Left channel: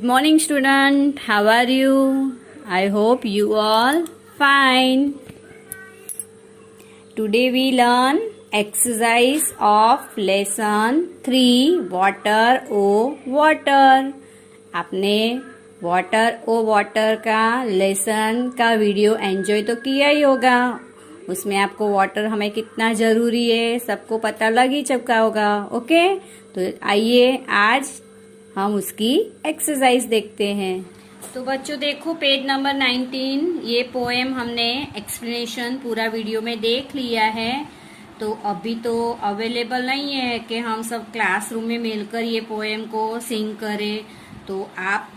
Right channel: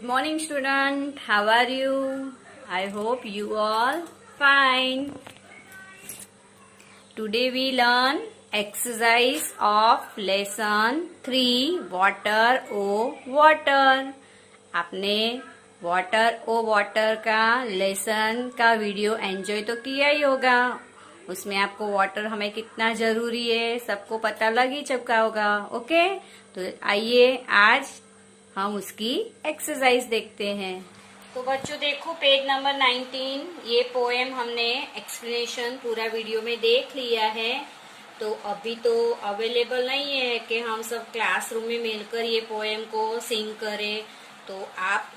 Good morning, student. How are you? I hope you all fine. Today we learn exercise of lesson 3 water o water. आपने water ओ water का lesson का video enjoy तो किया ही होगा। उसमें आपको water हमें कितना जरूरी है सबको पता लग ही चुका होगा। ओके, तो आइए आज हम उसकी एक्सरसाइज देखते हैं। तो बच्चों देखो पेज नंबर 19, ये पोएम हमने एक्सप्लेनेशन पूरा वीडियो में देख लिया है। तो अभी तो अवेलेबल नहीं है कि हम सब क्लासरूम में मिलकर ये पोएम को सिंग करें। तो आप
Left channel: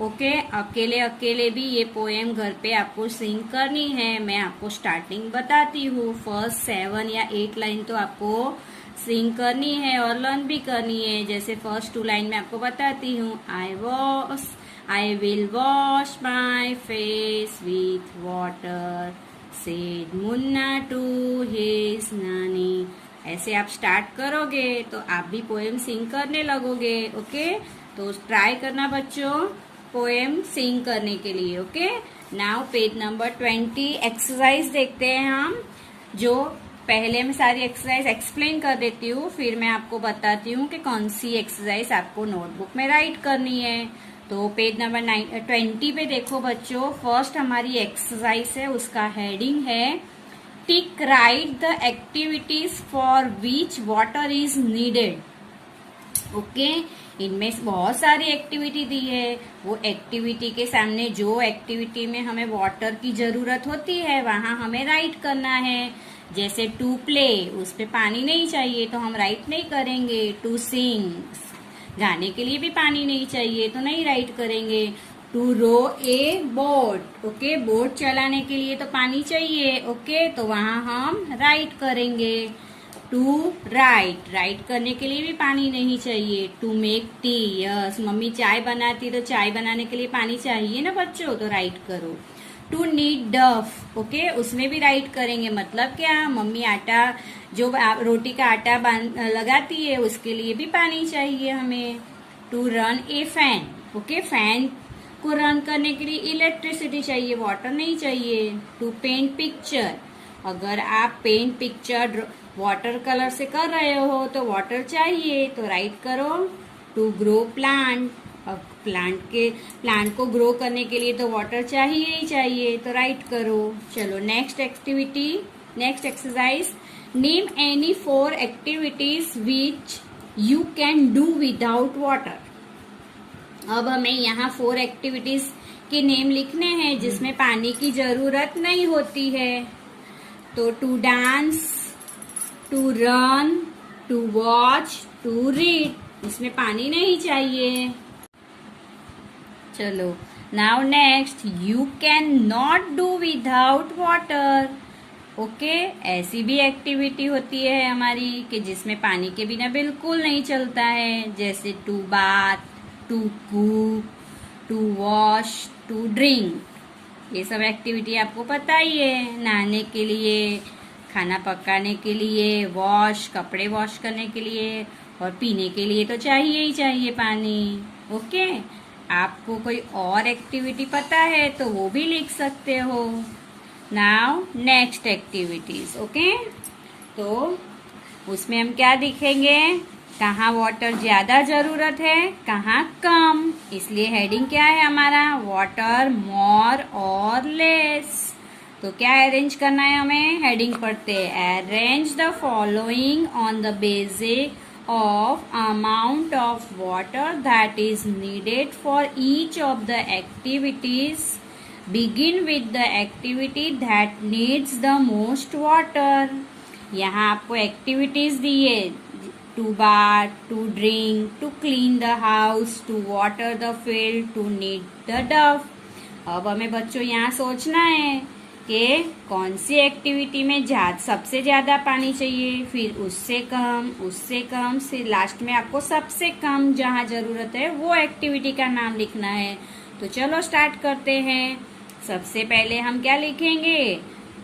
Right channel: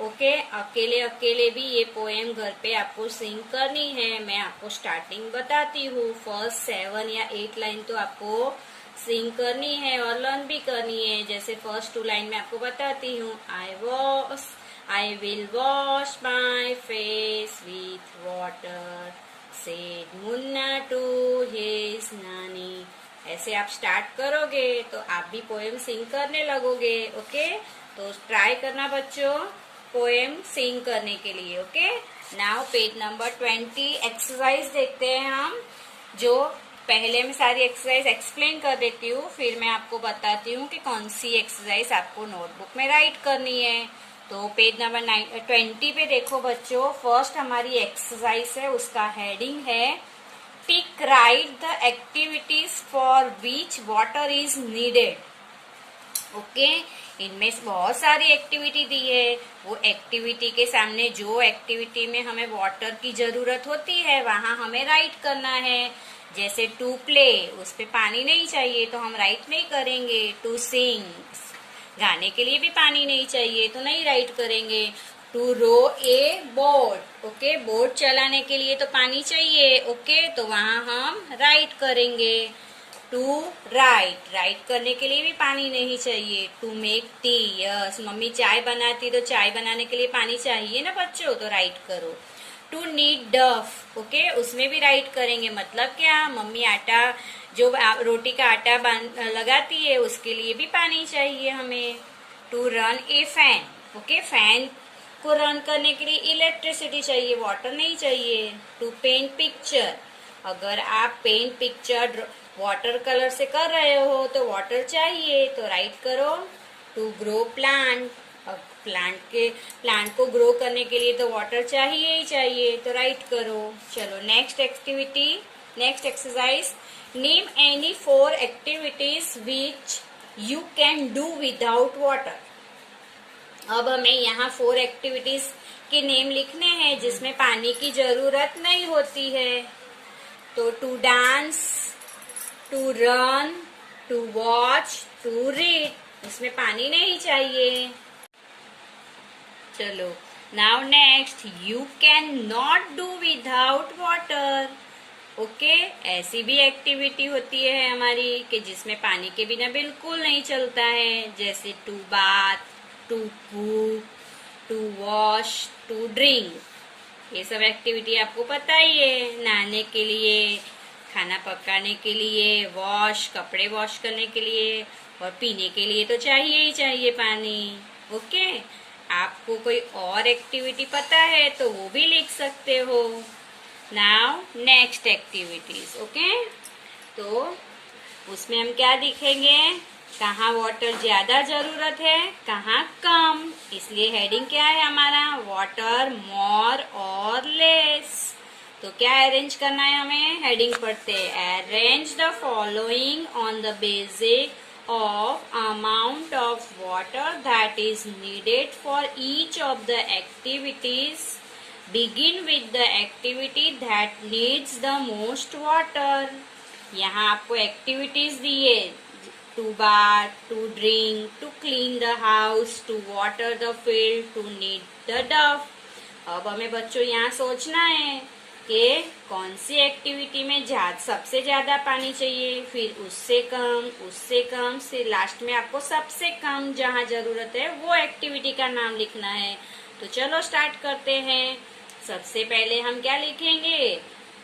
अकेले अकेले भी ये पोएम घर पे आपको सिंग करनी है। मैं आपको स्टार्टिंग बताती हूँ, फर्स्ट 7 या 8 लाइन तो आपको सिंग करनी है और लर्न भी करनी है। जैसे फर्स्ट 2 लाइन में आपको बताती हूँ, I will wash my face with water said Munna to his nani. ऐसे आप स्टार्ट करोगे तो आप भी पोएम सिंग करने लगोगे। ओके, तो ट्राई करना बच्चों पोएम सिंग करने के लिए। Okay, now page number 20 exercise देखते हैं हम। जो पहले मैं सारी एक्सरसाइज एक्सप्लेन कर देती हूँ, फिर मैं आपको बताती हूँ कि कौन सी एक्सरसाइज आपको नोटबुक में राइट करनी है। तो पेज नंबर 20 पे देखो बच्चों, फर्स्ट हमारी एक्सरसाइज है, उसका हेडिंग है टिक right the activities for which water is needed. Okay, इनमें बहुत सारी एक्टिविटी दी है। वो एक्टिविटी के सामने जो एक्टिविटी में हमें वाटर की जरूरत होती है वहां हमें राइट करना है। जैसे टू प्ले, उस पे पानी नहीं चाहिए तो हम राइट नहीं करेंगे। टू सिंग, गाने के लिए भी पानी नहीं चाहिए तो नहीं राइट करेंगे। To row a boat, okay, boat चलाने के लिए तो पानी चाहिए। ओके, तो वहां हम राइट करेंगे। टू राइट करने के लिए भी पानी नहीं चाहिए। To make tea, yes, mummy चाय बनाती तो चाय बनाने के लिए पानी चाहिए ना बच्चों, तो राइट करो। टू नीड डफ, ओके, उसमें भी राइट करेंगे। मतलब क्या, मम्मी आटा जो रोटी का आटा लगाती है उसके लिए भी पानी चाहिए हमें। To run a fan, okay, fan को रन करने के लिए इलेक्ट्रिसिटी चाहिए, वाटर नहीं चाहिए। टू पेंट पिक्चर, अगर आप पेंट पिक्चर वाटर कलर से कर रहे हो तो वाटर चाहिए, तो राइट करो। टू ग्रो प्लांट, अब प्लांट को ग्रो करने के लिए तो वाटर चाहिए ही चाहिए, तो राइट करो। चलो next activity, next exercise, name any 4 activities which you can do without water. अब हमें यहाँ 4 एक्टिविटीज के नेम लिखने हैं जिसमें पानी की जरूरत नहीं होती है। तो to dance, to run, to watch, to read, उसमें पानी नहीं चाहिए। चलो now next, you can not do without water. Okay, ऐसी भी एक्टिविटी होती है हमारी कि जिसमें पानी के बिना बिल्कुल नहीं चलता है। जैसे to bath, to cook, to wash, to drink, ये सब एक्टिविटी आपको पता ही है। नहाने के लिए, खाना पकाने के लिए, वॉश, कपड़े वॉश करने के लिए, और पीने के लिए तो चाहिए ही चाहिए पानी। ओके, आपको कोई और एक्टिविटी पता है तो वो भी लिख सकते हो। Now next activities. ओके, तो उसमें हम क्या दिखेंगे, कहाँ वाटर ज्यादा जरूरत है, कहाँ कम। इसलिए हेडिंग क्या है हमारा, वाटर मोर और लेस। तो क्या अरेंज करना है हमें, हेडिंग पढ़ते हैं, arrange the following on the basis of amount of water that is needed for each of the activities. Begin with the activity that needs the most water. यहाँ आपको एक्टिविटीज दी है, to bath, to drink, to clean the house, to water the field, to need the dough. अब हमें बच्चों यहाँ सोचना है कि कौन सी एक्टिविटी में सबसे ज्यादा पानी चाहिए, फिर उससे कम, फिर लास्ट में आपको सबसे कम जहाँ जरूरत है वो एक्टिविटी का नाम लिखना है। तो चलो स्टार्ट करते हैं। सबसे पहले हम क्या लिखेंगे,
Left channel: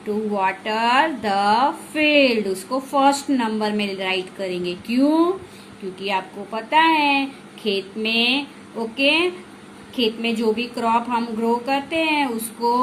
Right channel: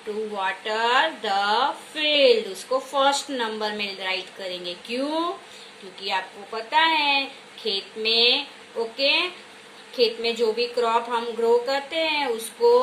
टू वाटर द फील्ड, उसको फर्स्ट नंबर में राइट करेंगे। क्यों, क्योंकि आपको पता है खेत में, ओके, खेत में जो भी क्रॉप हम ग्रो करते हैं उसको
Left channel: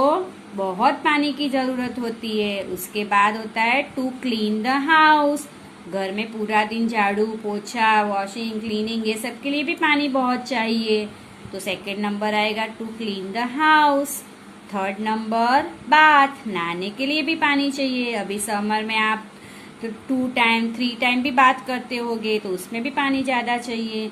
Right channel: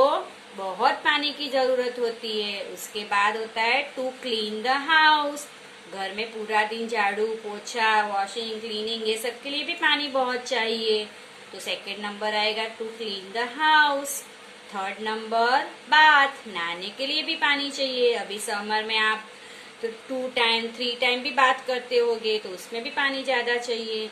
बहुत पानी की जरूरत होती है। उसके बाद होता है टू क्लीन द हाउस, घर में पूरा दिन झाड़ू पोछा वॉशिंग क्लीनिंग ये सब के लिए भी पानी बहुत चाहिए। तो सेकंड नंबर आएगा to clean the house. Third number bath, नहाने के लिए भी पानी चाहिए। अभी समर में आप 2 टाइम 3 टाइम भी बात करते होगे तो उसमें भी पानी ज्यादा चाहिए।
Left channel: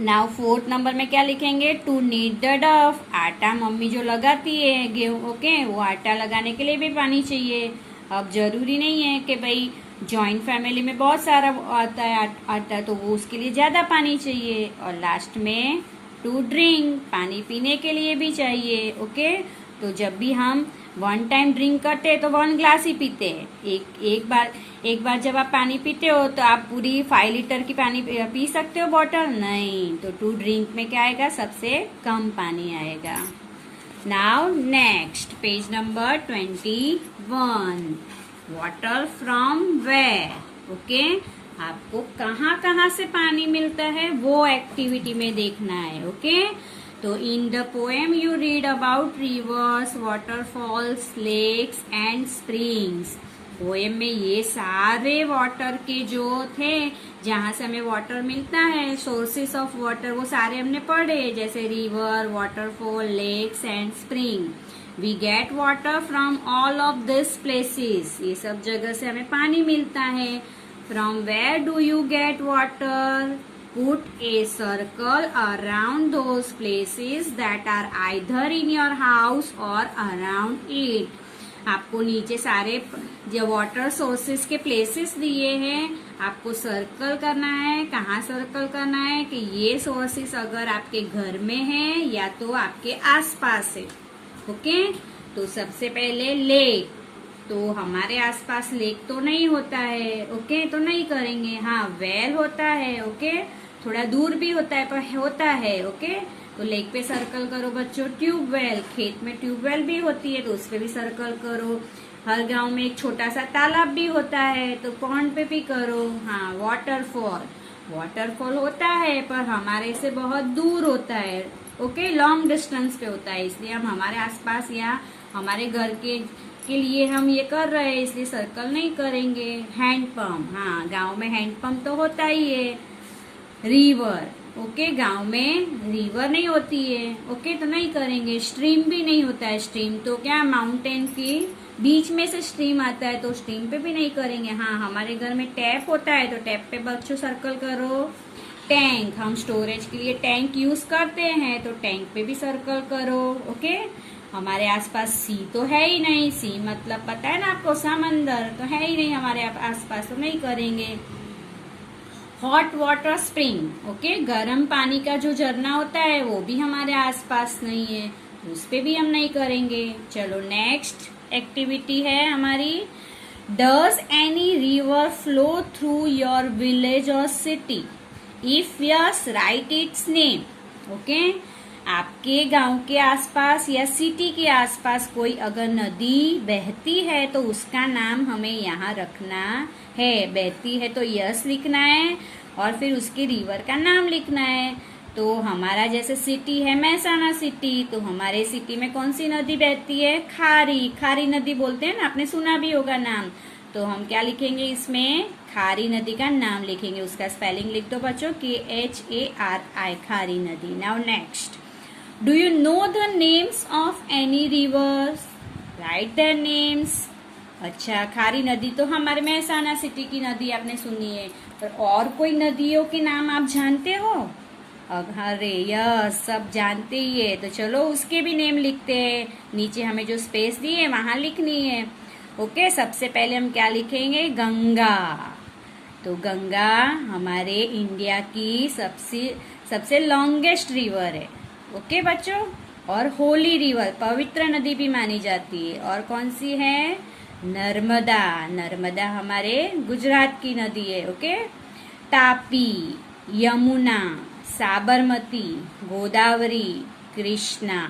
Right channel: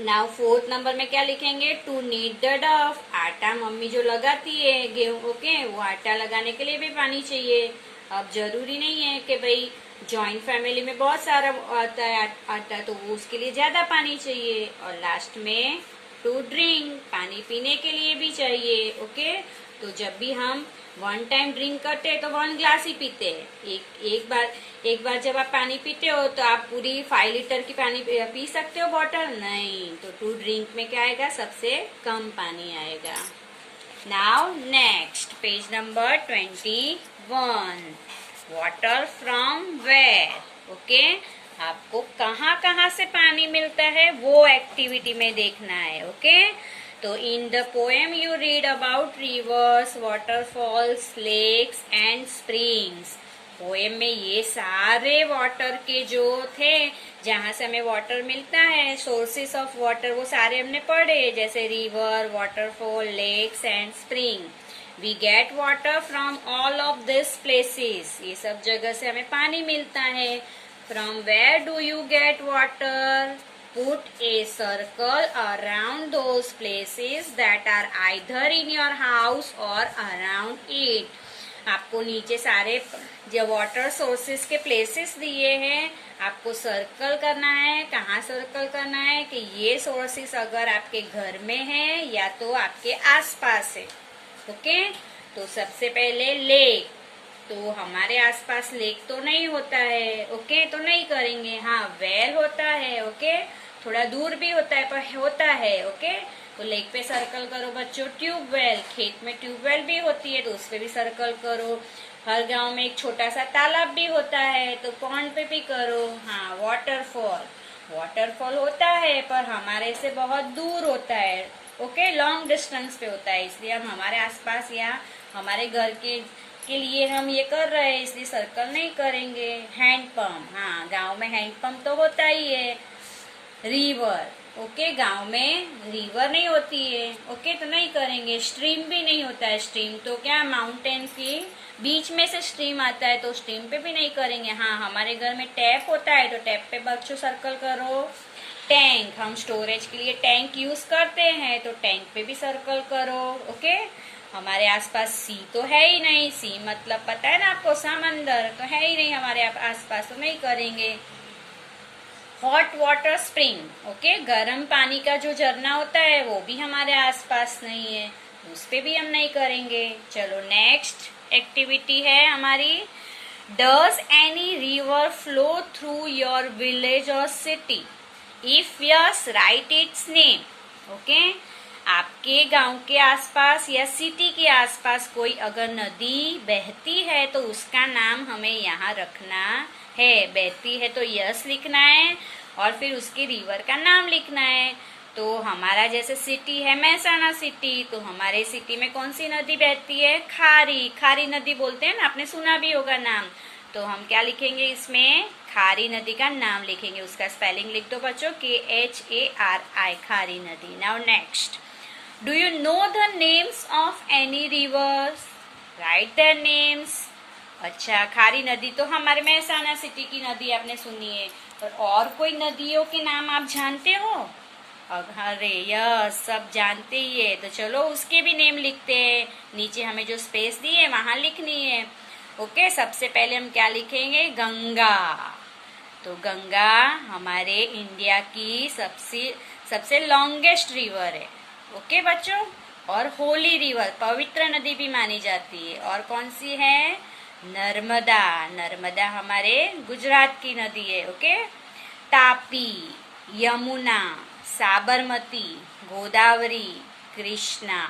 नाउ फोर्थ नंबर में क्या लिखेंगे, टू नीड द डफ, आटा मम्मी जो लगाती है गेहूं ओके वो आटा लगाने के लिए भी पानी चाहिए। अब जरूरी नहीं है कि भाई जॉइंट फैमिली में बहुत सारा आता है आटा तो वो उसके लिए ज्यादा पानी चाहिए। और लास्ट में टू ड्रिंक, पानी पीने के लिए भी चाहिए। ओके, तो जब भी हम 1 टाइम ड्रिंक करते हैं तो 1 ग्लास ही पीते हैं। एक बार जब आप पानी पीते हो तो आप पूरी 5 लीटर की पानी पी सकते हो बॉटल नहीं। तो टू ड्रिंक में क्या आएगा, सबसे कम पानी आएगा। Now next page number 21, water from where. Okay, आपको कहाँ से पानी मिलता है वो एक्टिविटी में देखना है। ओके, तो in the poem you read about rivers, waterfalls, lakes and springs. Poem में ये सारे वाटर के जो थे जहाँ से हमें वाटर मिलता है, सोर्सेस ऑफ वाटर, वो सारे हमने पढ़े, जैसे river, waterfall, lakes and spring. We get water from all of this places, ये सब जगह से हमें पानी मिलता है। From where do you get water? Put a circle around those places that are either in your house or around it. आपको नीचे सारे जो वाटर सोर्सेस के प्लेसेस दिए हैं, आपको सर्कल करना है। कहाँ सर्कल करना है कि ये सोर्सेस अगर आपके घर में है या तो आपके आसपास है। ओके, तो सबसे पहले लेक, तो हमारे आसपास लेक तो नहीं होता है। ओके, तो नहीं करेंगे। हाँ, वेल होता है। ओके, थोड़ा दूर भी होता है पर होता है। ओके, तो लेक पे सर्कल करो बच्चों। ट्यूबवेल, खेत में ट्यूबवेल भी होती है तो उस पे भी सर्कल करो। हर गांव में एक छोटा सा तालाब भी होता है तो पॉन्ड पे भी करो। हाँ, वाटरफॉल, वाटरफॉल होता है पर हमारे से बहुत दूर होता है। ओके, लॉन्ग डिस्टेंस पे होता है, इसलिए हम हमारे आसपास या हमारे घर के लिए हम ये कर रहे हैं, इसलिए सर्कल नहीं करेंगे। हैंडपंप, हाँ गांव में हैंडपंप तो होता ही है। रिवर, ओके, गांव में रिवर नहीं होती है। ओके, तो नहीं करेंगे। स्ट्रीम भी नहीं होता है, स्ट्रीम तो क्या माउंटेन के बीच में से स्ट्रीम आता है तो स्ट्रीम पे भी नहीं करेंगे। हाँ, हमारे घर में टैप होता है तो टैप पे बच्चों सर्कल करो। टैंक, हम स्टोरेज के लिए टैंक यूज करते हैं तो टैंक पे भी सर्कल करो। ओके, हमारे आसपास सी तो है ही नहीं, सी मतलब पता है ना आपको, समंदर तो है ही नहीं हमारे आसपास, तो नहीं करेंगे। हॉट वाटर स्प्रिंग, ओके, गर्म पानी का जो झरना होता है वो भी हमारे आसपास नहीं है, उस पे भी हम नहीं करेंगे। चलो नेक्स्ट एक्टिविटी है हमारी, does any river flow through your village or city? If yes, write its name. Okay, आपके गांव के आसपास या सिटी के आसपास कोई अगर नदी बहती है तो उसका नाम हमें यहाँ रखना है। बहती है तो यस लिखना है और फिर उसके रिवर का नाम लिखना है। तो हमारा जैसे सिटी है महसाना सिटी, तो हमारे सिटी में कौन सी नदी बहती है? खारी, खारी नदी बोलते हैं ना, आपने सुना भी होगा नाम। तो हम क्या लिखेंगे इसमें? खारी नदी का नाम लिखेंगे, उसका स्पेलिंग लिख दो बच्चों, KHARI, खारी नदी। Now next, do you know the names of any reverse? Right their names. अच्छा, खारी नदी तो हमारे महसाना सिटी की नदी आपने सुनी है, और कोई नदियों के नाम आप जानते हो? अरे यस, सब जानते ही है, तो चलो उसके भी नेम लिखते हैं। नीचे हमें जो स्पेस दी है वहां लिखनी है। ओके, सबसे पहले हम क्या लिखेंगे? गंगा। तो गंगा हमारे इंडिया की सबसे लॉन्गेस्ट रिवर है। ओके बच्चों, और होली रिवर, पवित्र नदी भी मानी जाती है। और कौन सी है? नर्मदा, नर्मदा हमारे गुजरात की नदी है। ओके, तापी, यमुना, साबरमती, गोदावरी, कृष्णा,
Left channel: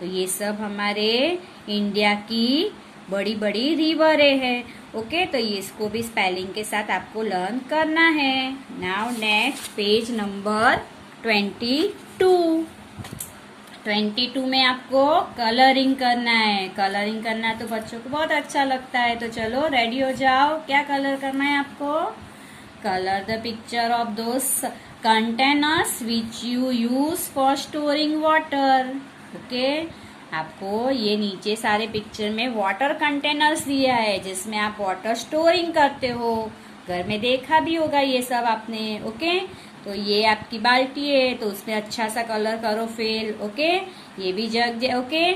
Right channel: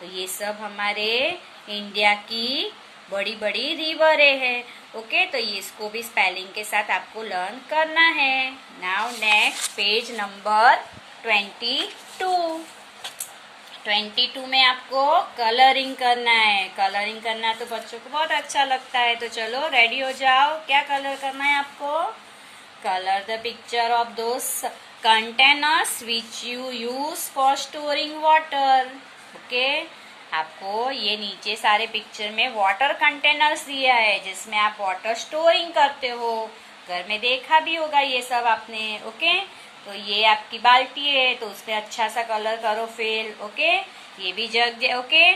तो ये सब हमारे इंडिया की बड़ी बड़ी रिवरें हैं। ओके, तो ये इसको भी स्पेलिंग के साथ आपको लर्न करना है। Now next page number 22। 22 में आपको कलरिंग करना है। कलरिंग करना तो बच्चों को बहुत अच्छा लगता है। तो चलो रेडी हो जाओ। क्या कलर करना है आपको? Colour the picture of those containers which you use for storing water. Okay, आपको ये नीचे सारे पिक्चर में वाटर कंटेनर्स दिया है जिसमें आप वाटर स्टोरिंग करते हो। घर में देखा भी होगा ये सब आपने। ओके, तो ये आपकी बाल्टी है तो उसमें अच्छा सा कलर करो फिल। ओके, ये भी जग है। ओके,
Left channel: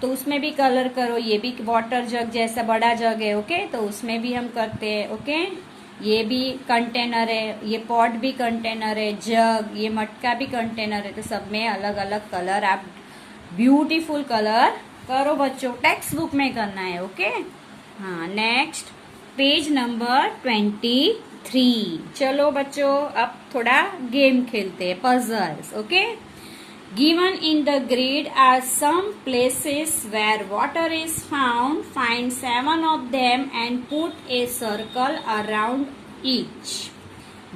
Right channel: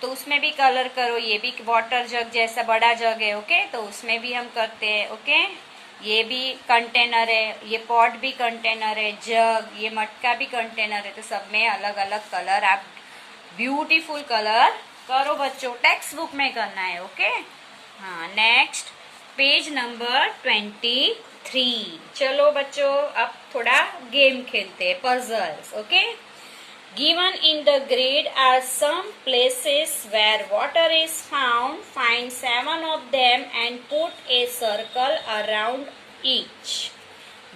तो उसमें भी कलर करो। ये भी वाटर जग जैसा बड़ा जग है। ओके, तो उसमें भी हम करते हैं। ओके, ये भी कंटेनर है, ये पॉट भी कंटेनर है, जग, ये मटका भी कंटेनर है। तो सब में अलग अलग कलर आप ब्यूटीफुल कलर करो बच्चों। टेक्स्ट बुक में करना है। ओके, हाँ, नेक्स्ट पेज नंबर 23। चलो बच्चों, अब थोड़ा गेम खेलते हैं, puzzles. Okay, given in the grid are some places where water is found. Find 7 of them and put a circle around each.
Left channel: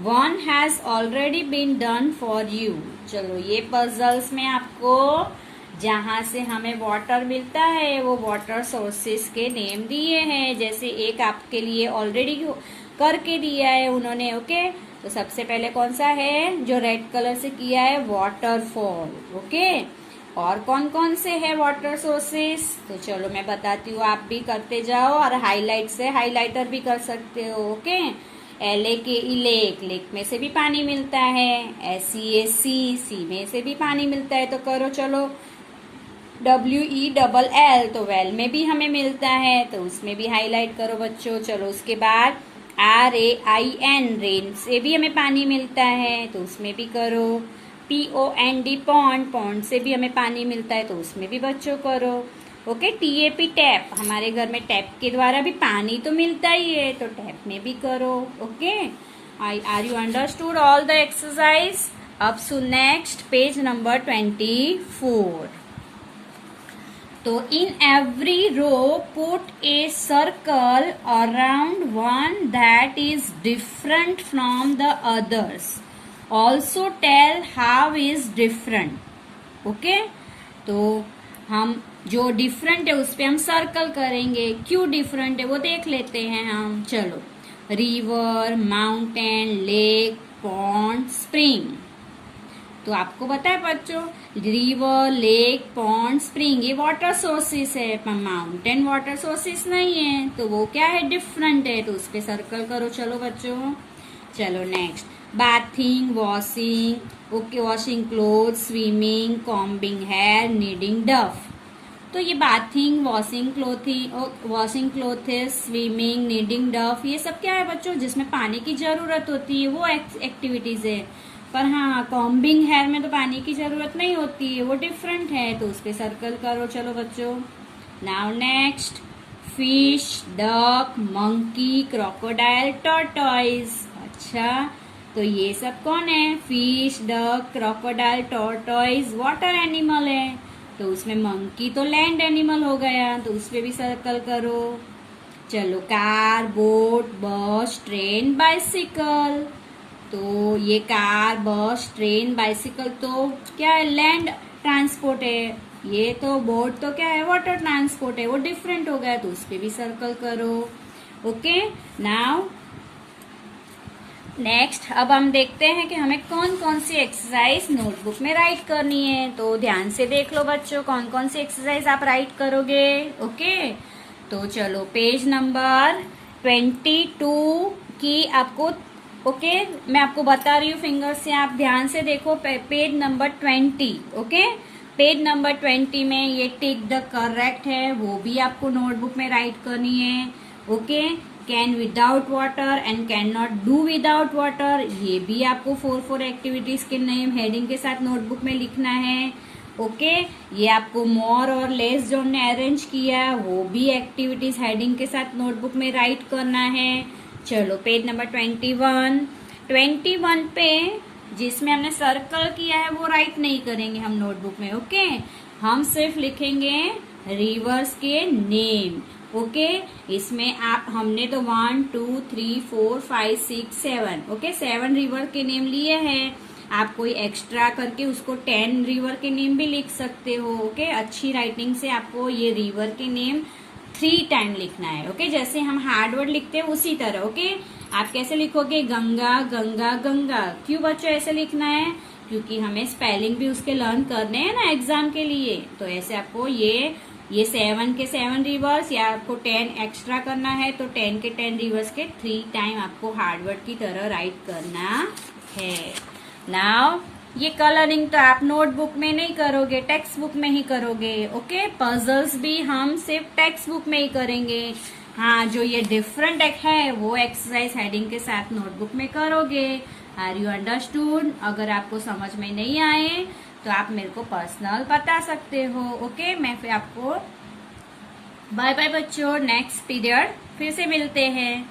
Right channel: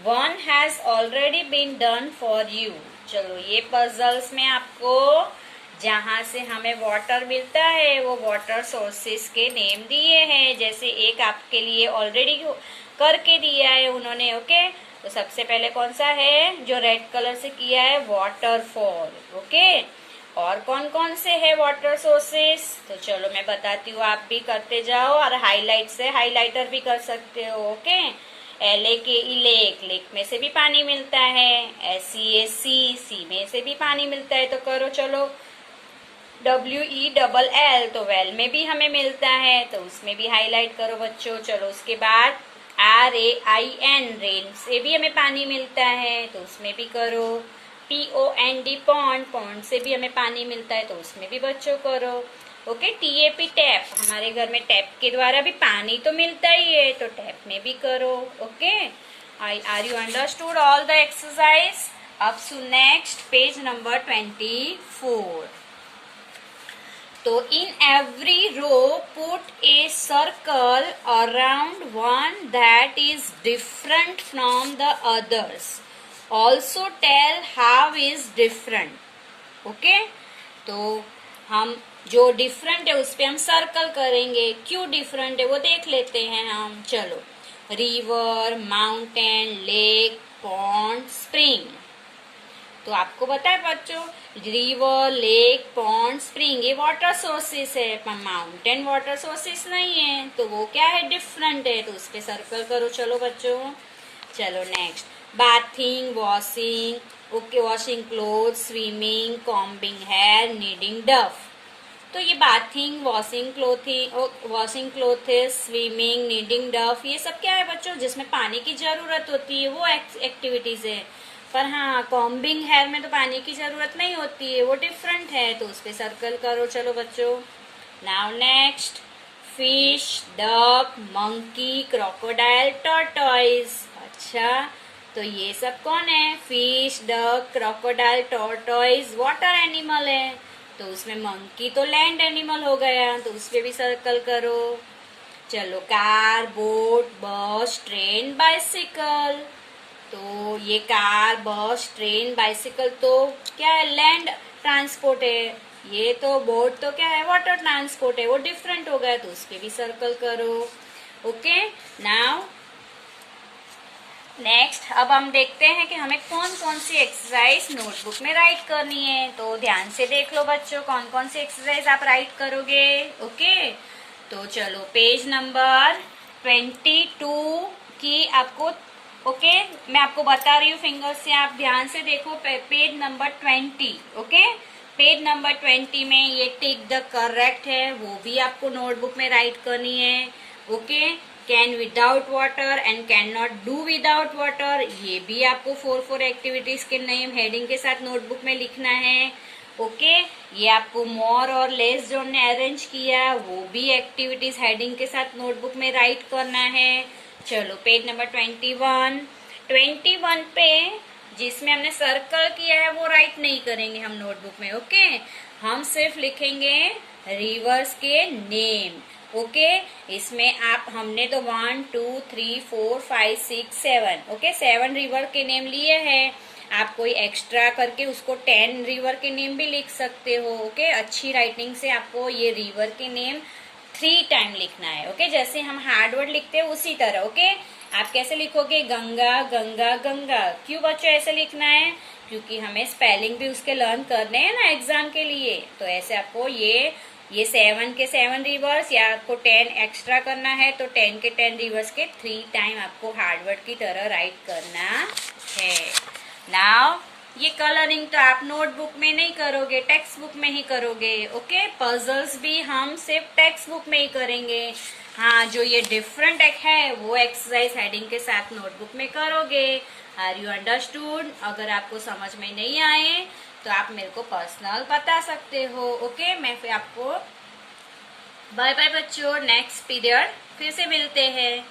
One has already been done for you. चलो, ये puzzles में आपको जहां से हमें water मिलता है वो वाटर सोर्सेस के नेम दिए हैं। जैसे एक आपके लिए ऑलरेडी करके दिया है उन्होंने। ओके, तो सबसे पहले कौन सा है जो रेड कलर से किया है? वाटरफॉल। ओके, और कौन कौन से है वाटर सोर्सेस? तो चलो मैं बताती हूँ, आप भी करते जाओ और हाईलाइट से हाईलाइटर भी कर सकते हो। ओके, LAKE लेक, लेक में से भी पानी मिलता है। SEA सी में से भी पानी मिलता है। तो करो चलो। WELL तो वेल में भी हमें मिलता है, तो उसमें भी हाईलाइट करो बच्चों। चलो, उसके बाद RAIN रेन से भी हमें पानी मिलता है, तो उसमें भी करो। POND पॉन्ड, पॉन्ड से भी हमें पानी मिलता है, तो उसमें भी बच्चों करो। ओके, TAP टैप, हमारे घर में टैप के द्वारा भी पानी तो मिलता ही है, तो टैप में भी करो। Okay, are you understood all the exercise? अब सो नेक्स्ट पेज नंबर 24। तो in every row put a circle around one that is different from the others. Also tell how is different. Okay, तो हम जो different है उस पे हम circle करेंगे। क्यों डिफरेंट है वो देख लेते हैं हम। चलो, river, mountain, lake, pond, spring. तो आपको पता है बच्चों, रिवर, लेक, पॉन्ड, स्प्रिंग ये वाटर सोर्सेस है, पर माउंटेन वाटर सोर्सेस नहीं है। तो वो क्या है? डिफरेंट है, तो उस पे सर्कल करो। चलो बच्चों, चलो next, bathing, washing. Okay, washing cloth, swimming, combing hair, kneading dough. तो ये bathing, washing clothes, swimming, kneading dough, ये सब क्या है बच्चों? जिसमें पानी की जरूरत होती है वो एक्टिविटीज है। पर हाँ, कॉम्बिंग हेयर में तो पानी की जरूरत नहीं होती है, वो डिफरेंट है, तो उस पे सर्कल करो। चलो बच्चों, now next, fish, duck, monkey, crocodile, tortoise. अच्छा, तो ये सब कौन है? Fish, duck, crocodile, tortoise water animal है, तो उसमें मंकी तो लैंड एनिमल हो गया, तो उस पे भी सर्कल करो। चलो, कार, बोट, बस, ट्रेन, बाइसिकल। तो ये कार, बस, ट्रेन, बाइसिकल तो क्या है? लैंड ट्रांसपोर्ट है। ये तो बोट तो क्या है? वाटर ट्रांसपोर्ट है, वो डिफरेंट हो गया, तो उस पे भी सर्कल करो। ओके, नाउ नेक्स्ट, अब हम देखते हैं कि हमें कौन कौन सी एक्सरसाइज नोटबुक में राइट करनी है। तो ध्यान से देख लो बच्चों, कौन कौन सी एक्सरसाइज आप राइट करोगे। ओके, तो चलो पेज नंबर 22 की आपको, ओके, मैं आपको बता रही हूँ फिंगर से, आप ध्यान से देखो। Page number 20। Okay, page number 20 में ये टिक द करेक्ट है, वो भी आपको नोटबुक में राइट करनी है। Okay, can without water and can not do without water, ये भी आपको 4 एक्टिविटीज के नेम हेडिंग के साथ नोटबुक में लिखना है। ओके, ये आपको मोर और लेस जो हमने अरेंज किया वो भी एक्टिविटीज हेडिंग के साथ नोटबुक में राइट करना है। चलो, पेज नंबर 21 पे जिसमें हमने सर्कल किया है वो राइट नहीं करेंगे हम नोटबुक में। ओके, हम सिर्फ लिखेंगे रिवर्स के नेम। ओके, इसमें आप, हमने तो 1 2 3 4 5 6 7, ओके, 7 रिवर के नेम लिए हैं। आप कोई एक्स्ट्रा करके उसको 10 रिवर के नेम भी लिख सकते हो। ओके, अच्छी राइटिंग से आपको ये रिवर के नेम 3 टाइम लिखना है। ओके, जैसे हम हार्ड वर्ड लिखते हैं उसी तरह। ओके, आप कैसे लिखोगे? गंगा गंगा गंगा। क्यों बच्चों ऐसे लिखना है? क्योंकि हमें स्पेलिंग भी उसके लर्न करने हैं ना एग्जाम के लिए। तो ऐसे आपको ये 7 के 7 रिवर्स, या आपको 10 एक्स्ट्रा करना है तो 10 के 10 रिवर्स के 3 टाइम आपको हार्डवर्ड की तरह राइट करना है। नाउ ये कलरिंग तो आप नोटबुक में नहीं करोगे, टेक्स्ट बुक में ही करोगे। ओके, पजल्स भी हम सिर्फ टेक्स्ट बुक में ही करेंगे। हाँ, जो ये डिफरेंट है वो एक्सरसाइज हेडिंग के साथ नोटबुक में करोगे। Are you understood? अगर आपको समझ में नहीं आए तो आप मेरे को पर्सनल बता सकते हो। ओके, मैं फिर आपको बाय बाय बच्चों, नेक्स्ट पीरियड फिर से मिलते हैं।